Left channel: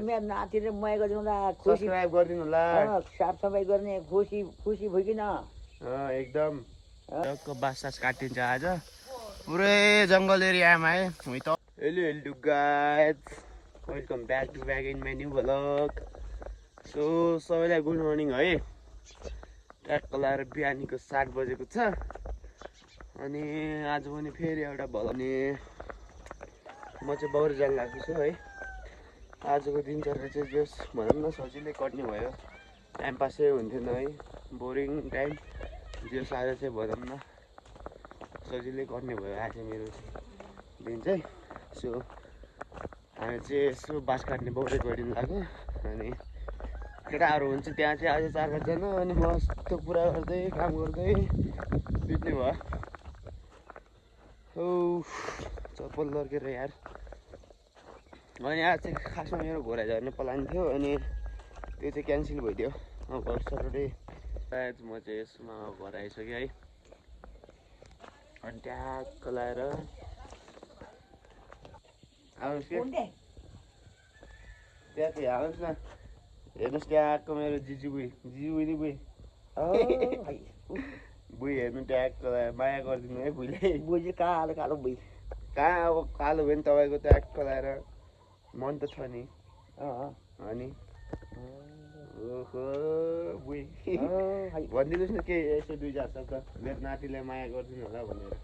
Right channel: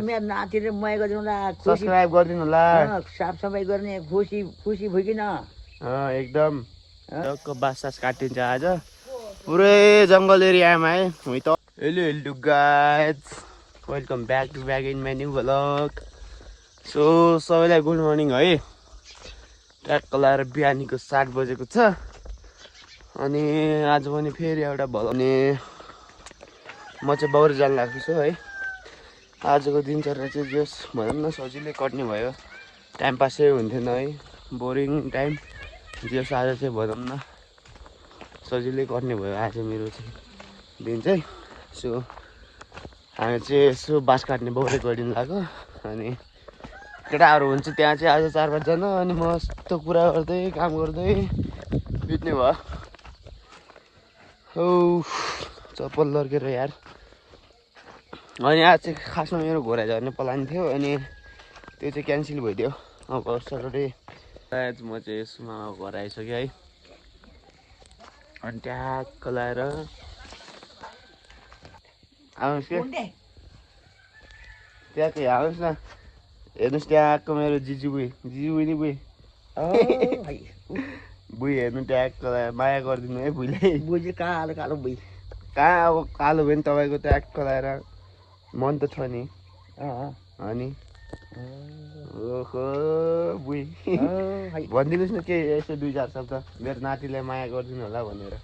मेरो नातिले मया गरिदिनु होला, सब्स्क्राइब गरिदिनु होला, साफसफाइ गर्ने खुसी खुसी भइकिन एकदम बाँस काटिन्छ आज पुरै जङ्गल एरियामा है। Hello guys, welcome back to back in my new vlog. So सबैलाई गुड मर्निङ है। ट्र्याक लाएर बिहानीको 7 बजेको छ अनि आज पनि फेरि एउटा भ्लग अनि म चाहिँ बाउरे जान लाग्छु छु है। आजको दिनचर्या चाहिँ जस भनौँ न सजिलै कट्ने भयो, टाइम पासै हुन्थेन है, बोरिङ टाइम। जस आज चाहिँ भनौँ न सजिलै कट्ने भयो आज मेरो चाहिँ दिन चाहिँ। सो हामी चाहिँ यसो बाँस काट्ने बाउरे गरिदिनु लाग्यो अनि केटाहरू हुन्छ त्यहाँ चाहिँ आज 4-5 जना अनि म यस्तो कुरा गर्दै काम गर्दै बित्ने भयो। औ चप्पल लड्केर यार। अनि आज चाहिँ खासमा मेरो घोडा झर्ने प्लान थियो अनि त्यो चाहिँ क्यान्सल भइदियो। अब सटरडे आज म चाहिँ यसमा घर आइसकेँ है। अनि ट्याक्क लाएर आउनुहोस् कि ट्याक्कै आउनुहोस् न, हेर्नुहोस् ट्याक्क मेरो जिजुबुई नि बुई बुई हेर्नु ट्याक्क लाएर माया गरिदिनु है बुईले। बुझ कालो कालो बुझ कहाँ अब कालो भयो नि तपाईँको ट्याक्क लाएर मन त छ नि अनि ओहो बुई भनिदिनुहोस् न के यसो 2-4 शब्द मेरो नातिलाई माया गरिदिनु होला भनेर।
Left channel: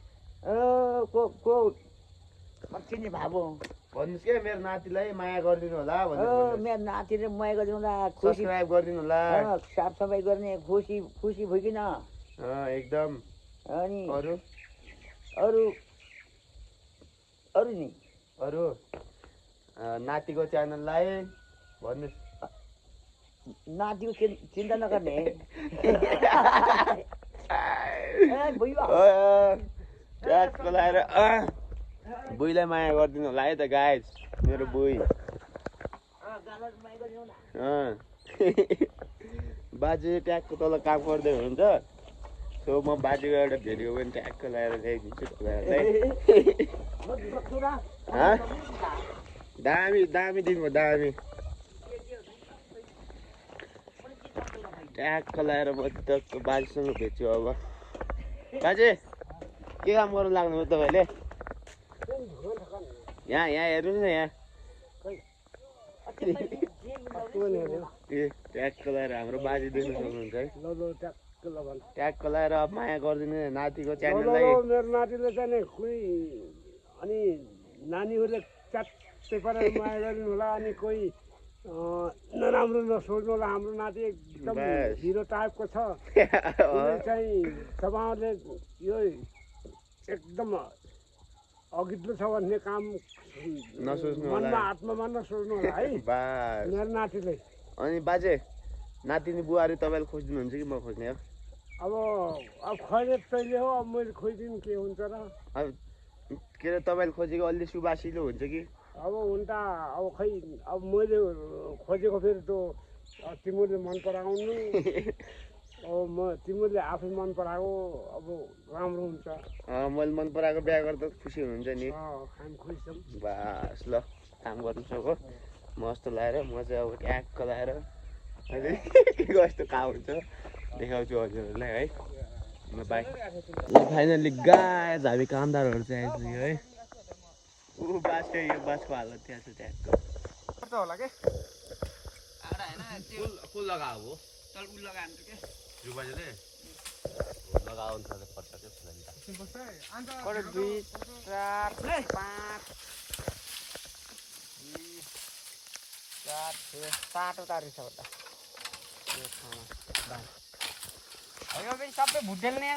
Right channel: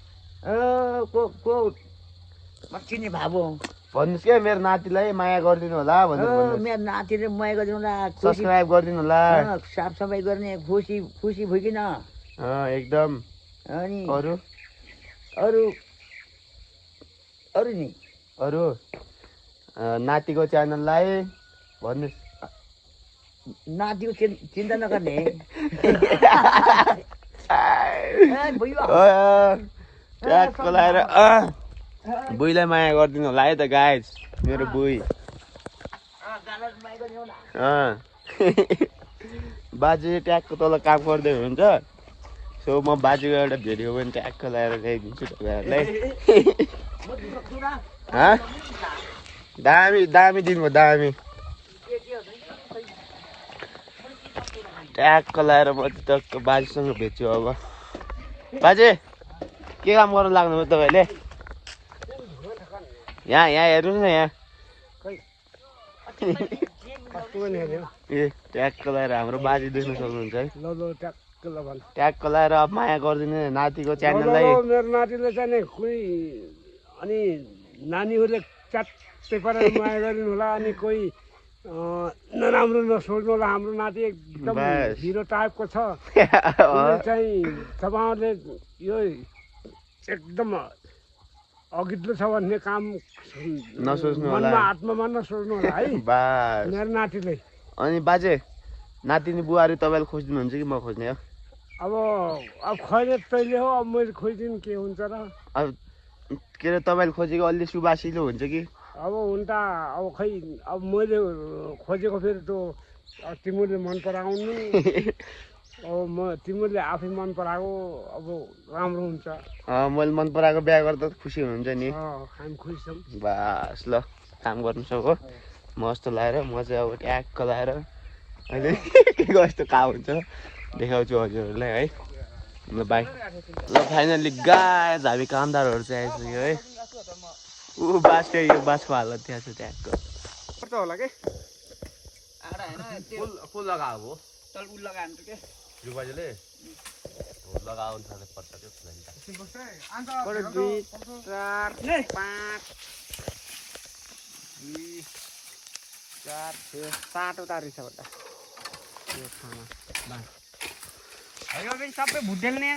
चिने भाबो भन्नुहोस् क्या मेरो नातिलाई माया गरिदिनु होला भनेर। मेरो नातिले मया गरिदिनु होला, सब्स्क्राइब गरिदिनु होला, साफसफाइ गर्ने खुसी खुसी भइकिन एकदम। अनि अरू अरू अरू नि अरू नातिको च्यानललाई भन्नुहोस्। नातिको चिन्ता नगर्ने ट्याक्क लाएर बुईलाई माया गरिदिनु होला है त गाइज, मेरो बुई। बाजे ट्याक्क तल काम गर्दै हुनुहुन्छ। सो म बाजेको एउटा भिडियो पनि ट्याक्क लाएर ल्याइदिन्छु तपाईँहरूलाई। दामी दामी दिनुभयो दामी। ट्याक्क लाएर म टक्क बाजेसँग भेट्छु। अब बाजे के काम गर्नु लाग्नुभयो तपाईँले? यहाँ हेर्नुहोस् न यहाँ ए ट्याक्क लाएर हाम्रो बाजे देख्न सक्नुहुन्छ है। ट्याक्क लाएर अब माया गरिदिनु नातिको च्यानललाई। मेरो नातिले चाहिँ कोही अनि नानीहरूले च्याट्टै पारेर माया गरिदिनु होला। अनि कोही नराम्रो नसोच्नु होला, हाम्रो नाति एकदम हिरो टाइपको छ चाहिँ तपाईँहरूले यो एकदम अघिल्लो छ भन्ने काम नसोच्नु होला, मनमा आत्मामा नसोच्नु होला है मेरो नातिले। अनि बाजे नातिनी बुहारी तपाईँले खोजिदिनुहुन्छ कि म खोज्ने हो? अब खैले तैँले हो, अब मैले खोजिदिनु के हुन्छ र। अब के अरे तपाईँले खोजेको अलि सुबासिलो हुन्छ कि? अब हुन त अब खै अब मैले खोजेको फेरि त्यो तिमीले मन पराउनु अब तिमीले आफै मन पराएको अब राम्रो हुन्छ। मैले मन पराएको बिहा गर्दा खुसी हुनुहुन्छ नि? हामी खुसी छौँ। बास ल काम गर्नु सको मस्त लाएर म चाहिँ अब ट्याक्क लाएर अहिले के कस्तो काम हुन्छ देखाउँछु हजुरहरूलाई है। ल बाई। ल फाइनल्ली गाइस हामी कामदारहरू चाहिँ आइसक्यो है। ऊ बाँसको यो बाँसको हालत त्यहाँ छ ट्याक्क होला के फुल लगाएको हो चल उ लगाउँछ के जुबाजेले लगाउनु पर्छ के 2 4 5 4 7 तारिक छ बड्डा यो खाना सबै भुटेको नि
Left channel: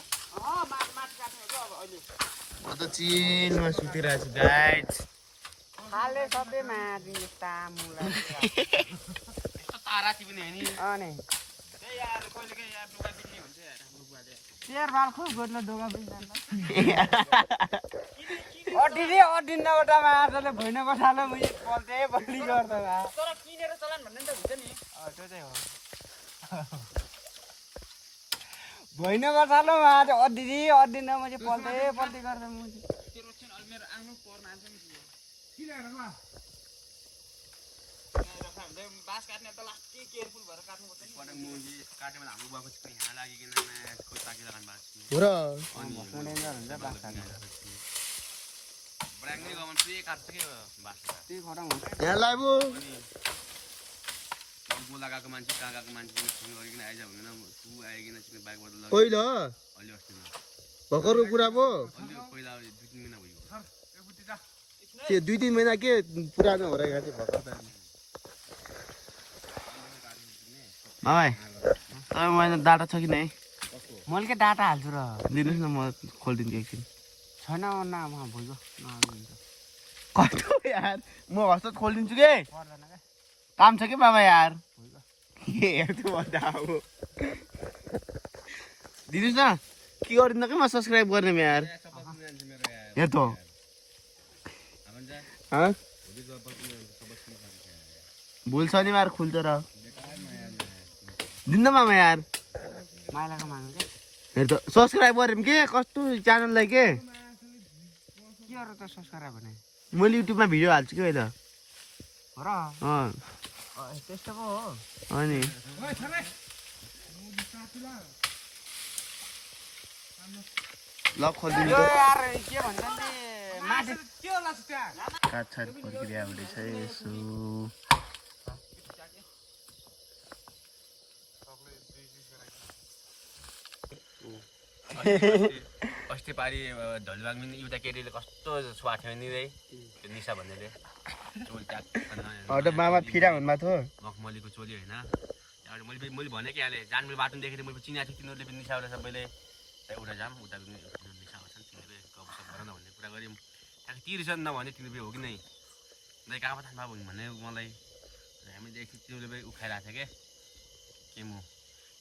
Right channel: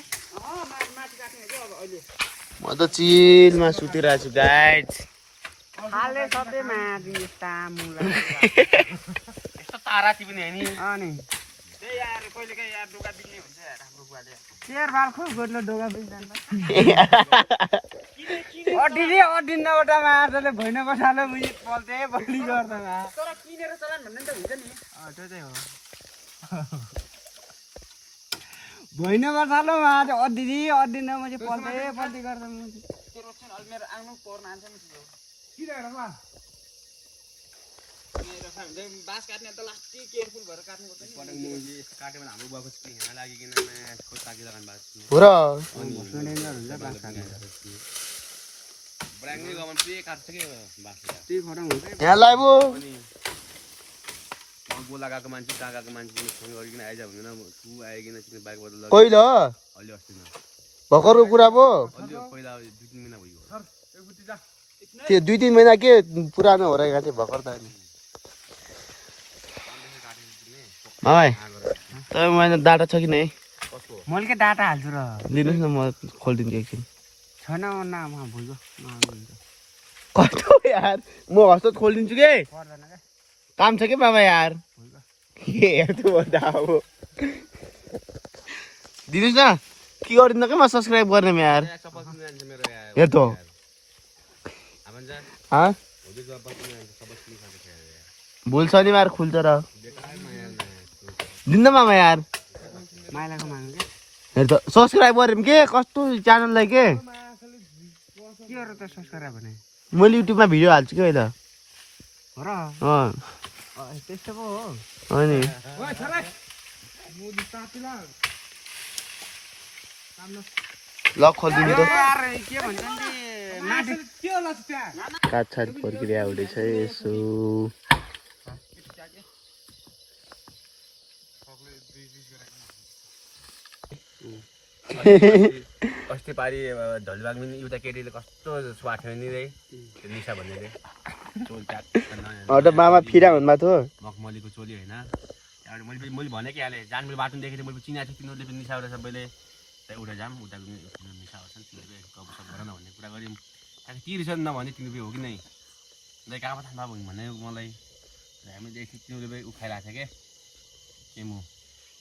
माथि काट्ने के अब अहिले। म त चिलमा सुतिरहेको छु गाइज। हाले सधैँ माथि तामुला ताराती पनि होइन अनि यार कहिले काहीँ यार डोका बिन्ने हुन्छ यार हाम्रो बुवाले। शेर बाल खुब गोड्लो डोगा बिन्दैन अडिन्न एउटा माछाले भैन बसालो मुझे पल्टे बढी गर्दैन तर किनेर चलान भन्ने त हुन्छ नि। त्यो चाहिँ हो भैन बसालो माछा अडिन्न मुझे पल्टे गर्दैन मुझे मेरो आउनु पर्न आन्छ नि किन हेर बाँस काट्ने त लास्टै केयरफुल भएर काट्नुपर्छ नि पटक म यस्तो काट्यो भने हाम्रो बुवाको चाहिँ यहाँ लागिकन खोज ताकी लगाउनु भएको छ हो र अनि ब्राङ्गै गमन पुरै काट्छ के बाँस त्यही खराङ हुन्छ यहाँ लाइब अनि बोला गएको मान्छे कहाँ गएको मान्छे फोन गरिकन आइज भन्दैन तु आइकन चाहिँ बाइकबाट लग्यो पहिला अलि अस्तिमा भर्खरको कुरा पो अलि पहिला 2-3 महिना भयो त्यो 2-3 महिना के पुरानो हो रहेको थियो भर्खर त भाइ तपाईँ महिना डाटा छ कि नै मैले के डाटा हाल्छु र लिनुहोस् न म खोलिदिन्छु एकछिन छैन नामा भइगयो कस्तो यार म हस्ते खोलिदिन्छु के पर्दैन क्या काम छ कि मामा यार के हेर्छु भन्दा अब दिनुहोस् न के गरिदिनु कि म सब्सक्राइब गर्ने यार हेर त भोलि शनिबार खुल्छ र दिन्न मामा यार माइलाको माग्नु क्या हेर त सब्सक्राइब गऱ्यौँ के कस्तो च्यानललाई के के गरेर त सब्सक्राइब भने मैले युट्युबमा भिडियो हाल्छु कि अहिले हो र अँ त्यस्तो पो हो अनि ल खोलिदिनु त के भन्छ नि के होला त्यहाँ काटछाट प्रक्रिया हुँदैछ यसो अस्ति पारि धलिबाग पनि एउटा केटीले कस्तो स्वार्थ्यो नि रे त्यो निशा भन्नेले चोल एउटा मामा फिरा हुनुभएको थियो मखमलीको चोली होइन त्यहाँबाट मैले भने कि हालेँ जान मैले बाटो देखेँ मैले चिनाएको थिएँ तिनीहरूले पनि निशा सबैले त्यहाँ उता जाऊँ उता पनि निशा गर्छ नि तिनीहरूले गफसफ गर न भन्ने कुरा गऱ्यौँ त्यहाँदेखि तिर्छ नि नभने तिनीहरू हो कि नै दाइ कहाँ थाहा भयो भने मलाई हामीले एकछिन तिनीहरूले उखाइरहेको थियो क्या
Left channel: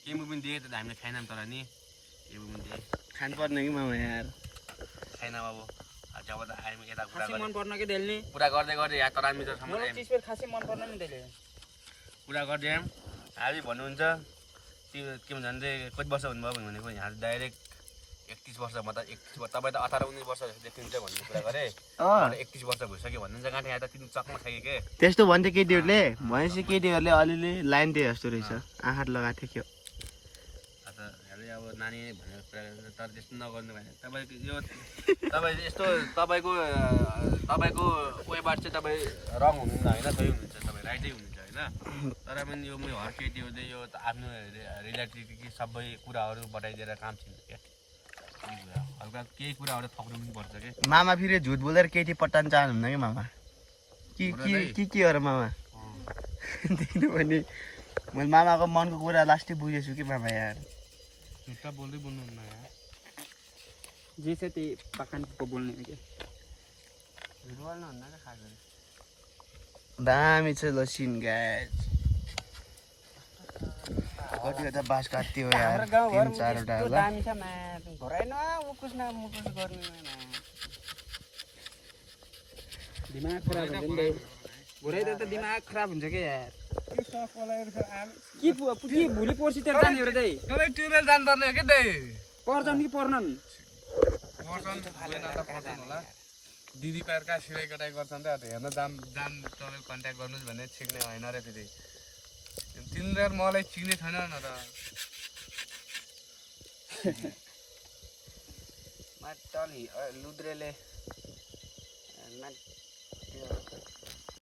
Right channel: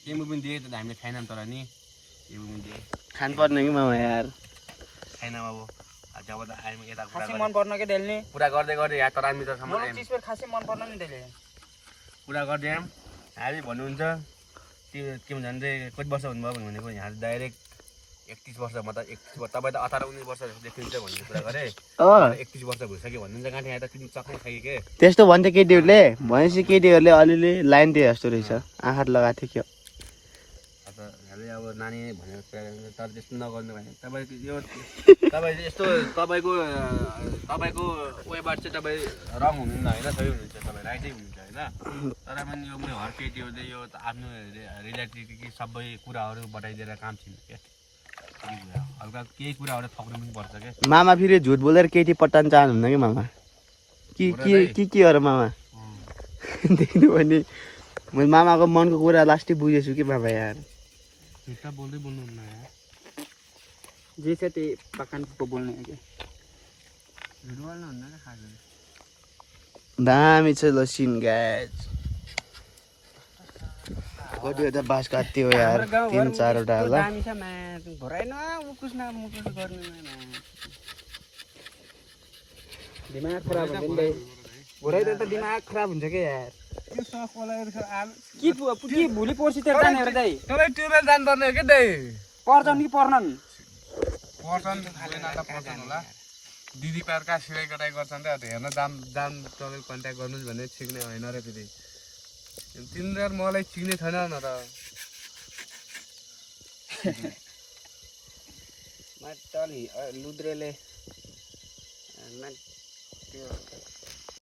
केमु पनि दिएँ त हामीले खाएनौँ तर नि केमु पनि दिएँ खानुपर्ने कि मामा यार छैन अब जब त आयौँ यता मन पर्न के देल्ने कुरा गर्दै गर्दै यहाँ तर हामी तसम्म चिजमा खासै मन पर्न नि त्यसले कुरा गर्दै आयौँ हामी भन्नुहुन्छ त्यो के भन्छ भने कति वर्ष हुनुभयो भनेको यहाँ डाइरेक्ट 31 वर्ष मतलब 31 वर्ष तपाईँ त 18-19 वर्ष देखिन्छ भन्ने कुरा गरेँ 31 वर्ष भइसक्यो भन्नुहुन्छ कहाँ यहाँ त तिमी चक्न खाइ के त्यस्तो भन्छ केटीहरूले भनेपछि केटीहरूले अलिअलि लाइन दिए जस्तो रहेछ आँखा लगाएको थियो क्या अब नानी भनेर कुरा तर त्यस्तो नगर्नु भने तपाईँको यो तपाईँ यस्तो तपाईँको वेबाट चाहिँ तपाईँ रङ हुनुहुन्न होइन सही हुनुहुन्छ तपाईँ राइटै हुनुहुन्छ होइन तर पनि यो मैले हर केटीहरूले यो आफ्नो रिलेटिभ सबै कुराहरू बताइदिएर काम छैन क्या हल्का केही कुराहरू थप्नु पनि पर्छ क्या मामा फेरि झुट बोलेर केटी पटाउनु चाहनुहुन्न कि मामा के हो र मामा देख्नु भने मैले मामाको मनको कुरा लास्टै बुझेछु कि मामा यार झुट्टा बोल्दै बोल्नुहुन्न यार जे छ त्यही पकान पो बोल्ने हो कि झुट बोल्नुहुन्न क्या खास दामी छ ल सिन गाइज कतिवटा बाँस काट्थ्यो यार 3-4वटा होला दामी छ भराइन मुकुस गर्ने दिमाग खराब हुन्छ नि भोराइदियो त दिमाग खराब हुन्छ के यार के भोलि पर्सि त्यो जाने हो र दाइ तपाईँ ट्युबवेल जानुपर्ने हो क्या दाइ पर्छन् कि पर्नन् होला दिदी पार्का सिलाइ कटाइ गर्छन् त हेर्न जाम तपाईँ कन्ट्याक्ट गर्नुहोस् भने छिक्ने होइन र दिदी तिनीहरू मलाई चिन्ने छैन न र लुद्रेले